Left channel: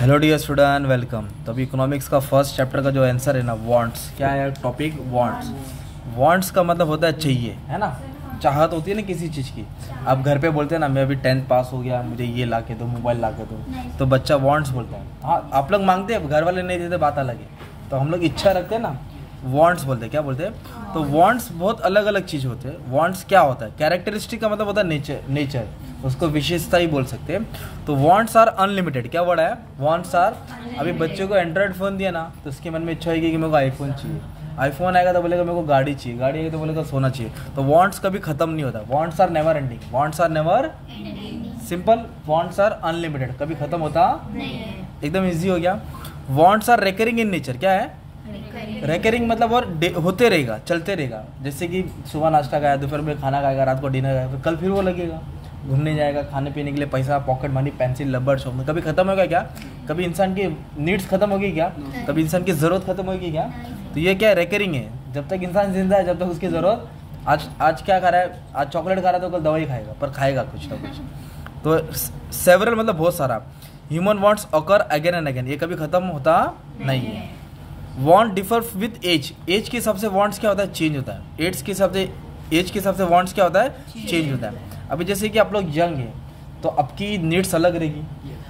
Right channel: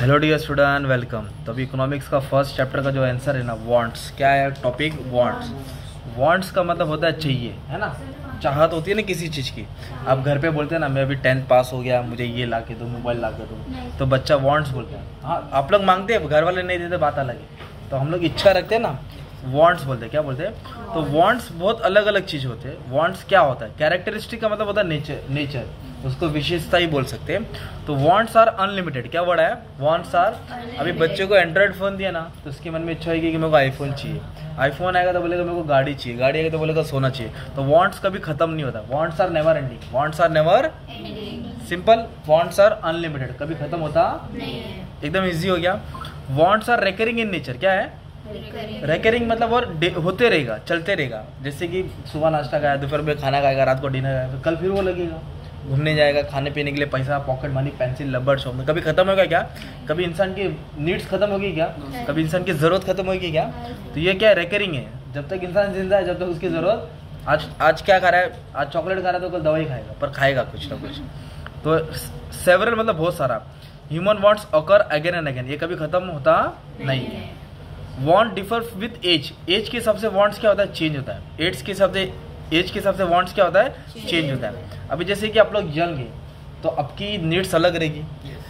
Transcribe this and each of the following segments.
Hello dear student, welcome. तो अभी economics का फर्स्ट चैप्टर का जो आंसर है ना, वांट्स। क्या है टॉपिक? वांट्स। वांट्स का मतलब होता है चाहिए, है ना। चाहत होती है ना किसी चीज़ की। आप घर पे बोलते हैं ना, मैं अभी 10th पास हो गया, मुझे ये ला के दो, मोबाइल ला के दो, तो बच्चा वांट्स बोलता है। हाँ, आप लोग मांगते हैं, घर वाले नहीं देते, बात अलग है। तो हम लोग इच्छा रखते हैं ना, वांट्स बोलते हैं। क्या बोलते हैं? तो वांट्स बहुत अलग अलग चीज़ होते हैं। वांट्स क्या होता है? कैरेक्टरिस्टिक का मतलब होता है नेचर, उसको विशेषता ही बोल सकते हैं। तो वांट्स आर अनलिमिटेड। क्या वर्ड है? Wants are. अभी बच्चे को एंड्रॉइड फ़ोन दिया ना, तो उसके मन में इच्छा होगी कि मेरे को आईफोन चाहिए। आईफोन आएगा तो बोलेगा मेरे को गाड़ी चाहिए, गाड़ी आएगा तो बोलेगा सोना चाहिए। तो वांट्स कभी खत्म नहीं होता। Wants are never ending. Wants are never simple. Wants are unlimited, कभी खत्म होता नहीं। एकदम ईजी हो गया। Wants are recurring in nature. क्या है? रिकरिंग मतलब और होते रहेगा, चलते रहेगा। जैसे कि सुबह नाश्ता खाया, दोपहर में खाना खाएगा, रात को डिनर खाएगा, तो कल फिर वो लगेगा। घूमने जाएगा, खाने पीने के लिए पैसा, पॉकेट मनी, पेंसिल, रबड़, शॉपिंग, कभी खत्म होगा क्या? कभी इंसान की नीड्स खत्म होगी क्या? कभी इंसान की ज़रूरत खत्म होगी क्या? तो ये क्या है? रिकरिंग है। जब तक इंसान जिंदा है, जब तक उसकी ज़रूरत। आज क्या खा रहा है? आज चॉकलेट खा रहा है तो कल दवाई खाएगा, पर खाएगा कुछ ना कुछ। तो सेवरल मतलब बहुत सारा। Human wants occur again and again, ये कभी खत्म होता नहीं है। Want differ with age. Age के हिसाब से वांट्स क्या होता है? चेंज होता है। एज के हिसाब से वांट्स क्या होता है? चेंज होता है। अभी जैसे कि आप लोग यंग हैं, तो आपकी नीड्स अलग रहेगी।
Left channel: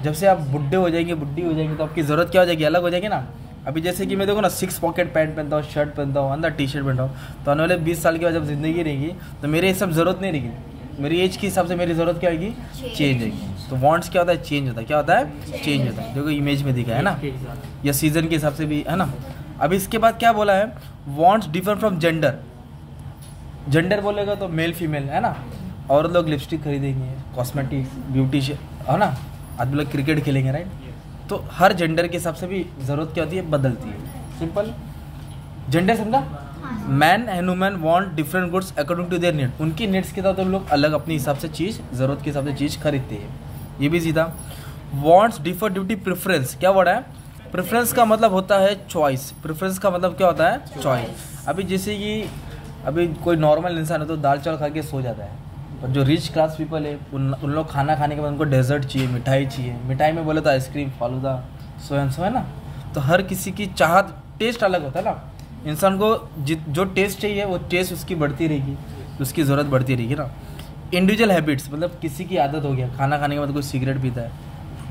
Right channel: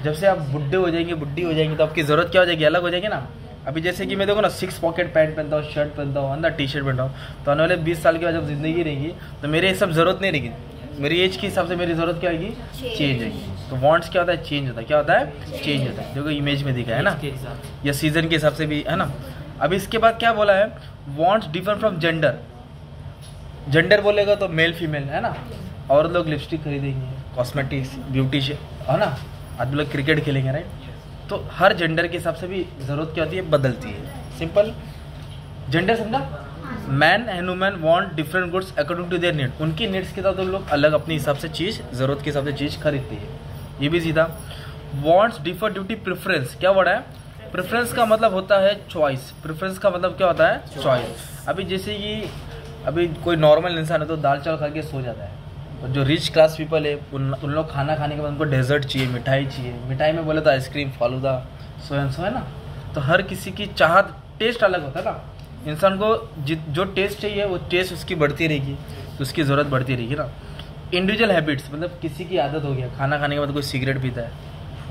जब से आप बुढ़े हो जाएंगे, बुढ़ी हो जाएंगे, तो आपकी ज़रूरत क्या हो जाएगी? अलग हो जाएगी ना। अभी जैसे कि मैं देखो ना, 6 पॉकेट पैंट पहनता हूँ, शर्ट पहनता हूँ, अंदर टी शर्ट पहनता हूँ, तो आने वाले 20 साल के बाद जब जिंदगी रहेगी, तो मेरे ये सब ज़रूरत नहीं रहेगी। मेरी एज के हिसाब से मेरी ज़रूरत क्या होगी? चेंज होगी। तो वांट्स क्या होता है? चेंज होता है। क्या होता है? चेंज होता है। देखो इमेज में दिखा है ना, या सीजन के हिसाब से भी है ना। अभी इसके बाद क्या बोला है? Wants differ from gender. Gender बोलेगा तो मेल फीमेल, है ना। और लोग लिपस्टिक खरीदेंगे, कॉस्मेटिक्स, ब्यूटिशियन, है ना। आदमी लोग क्रिकेट खेलेंगे, राइट। तो हर जेंडर के हिसाब से भी ज़रूरत क्या होती है? बदलती है। सिंपल। जेंडर समझा? Man and women want different goods according to their need. उनकी नीड्स के साथ तो लोग अलग अपने हिसाब से चीज़, ज़रूरत के हिसाब से चीज़ खरीदते हैं। ये भी सीधा। Wants differ due to preference. क्या वर्ड है? प्रेफरेंस का मतलब होता है चॉइस। प्रेफरेंस का मतलब क्या होता है? चॉइस। अभी जैसे कि अभी कोई नॉर्मल इंसान है तो दाल चावल खा के सो जाता है। और जो रिच क्लास पीपल है, उन लोग खाना खाने के बाद उनको डेजर्ट चाहिए, मिठाई चाहिए। मिठाई में बोले तो ice cream, falooda, so and so, है ना। तो हर किसी की चाहत, टेस्ट अलग होता है ना। इंसान को जो टेस्ट चाहिए वो टेस्ट उसकी बढ़ती रहेगी, तो उसकी ज़रूरत बढ़ती रहेगी ना। इंडिविजुअल हैबिट्स मतलब किसी की आदत हो गया, खाना खाने के बाद कोई सिगरेट पीता है,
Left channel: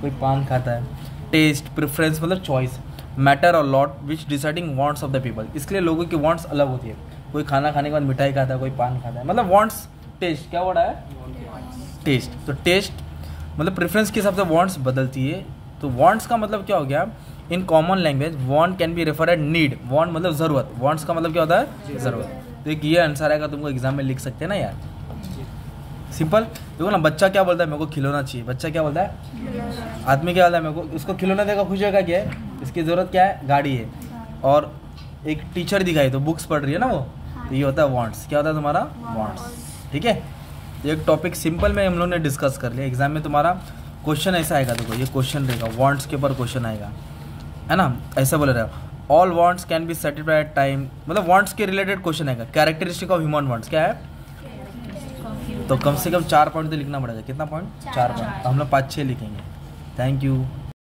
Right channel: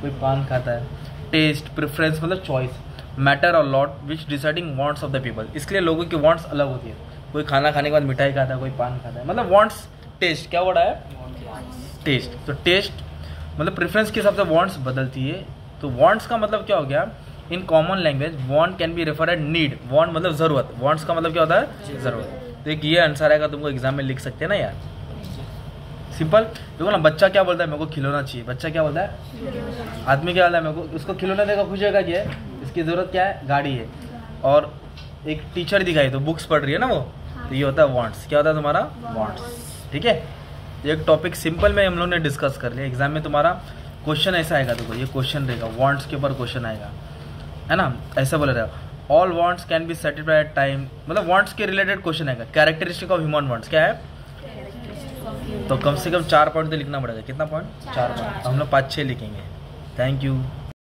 कोई पान खाता है। टेस्ट, प्रेफरेंस मतलब चॉइस, मैटर और lot which deciding wants of the people. इसलिए लोगों की वांट्स अलग होती है। कोई खाना खाने के बाद मिठाई खाता है, कोई पान खाता है, मतलब वांट्स। टेस्ट क्या वर्ड है? टेस्ट। तो टेस्ट मतलब प्रेफरेंस के हिसाब से वांट्स बदलती है। तो वांट्स का मतलब क्या हो गया? In common language want can be refer at need. Want मतलब ज़रूरत। वांट्स का मतलब क्या होता है? ज़रूरत। तो एक ये आंसर आएगा, तुमको एग्जाम में लिख सकते हैं ना यार। सिंपल। देखो ना, बच्चा क्या बोलता है? मेरे को खिलौना चाहिए। बच्चा क्या बोलता है? आदमी क्या बोलता है? मेरे को इसको खिलौना देगा, खुश होगा। क्या है इसकी ज़रूरत? क्या है? गाड़ी है। और एक टीचर दिखाई तो बुक्स पढ़ रही है ना वो, तो ये होता है वांट्स। क्या होता है तुम्हारा? वांट्स। ठीक है। एक टॉपिक सिंपल में हम लोग ने डिस्कस कर लिया। एग्जाम में तुम्हारा क्वेश्चन ऐसा आएगा, देखो ये क्वेश्चन रहेगा, वांट्स के ऊपर क्वेश्चन आएगा, है ना। ऐसा बोले रहेगा, all wants can be satisfied at time, मतलब वांट्स के रिलेटेड क्वेश्चन आएगा। कैरेक्टरिस्टिक ऑफ ह्यूमन वांट्स क्या है? तो कम से कम 4 पॉइंट तो लिखना पड़ेगा। कितना पॉइंट? 4 पॉइंट। हम लोग 5-6 लिखेंगे। Thank you.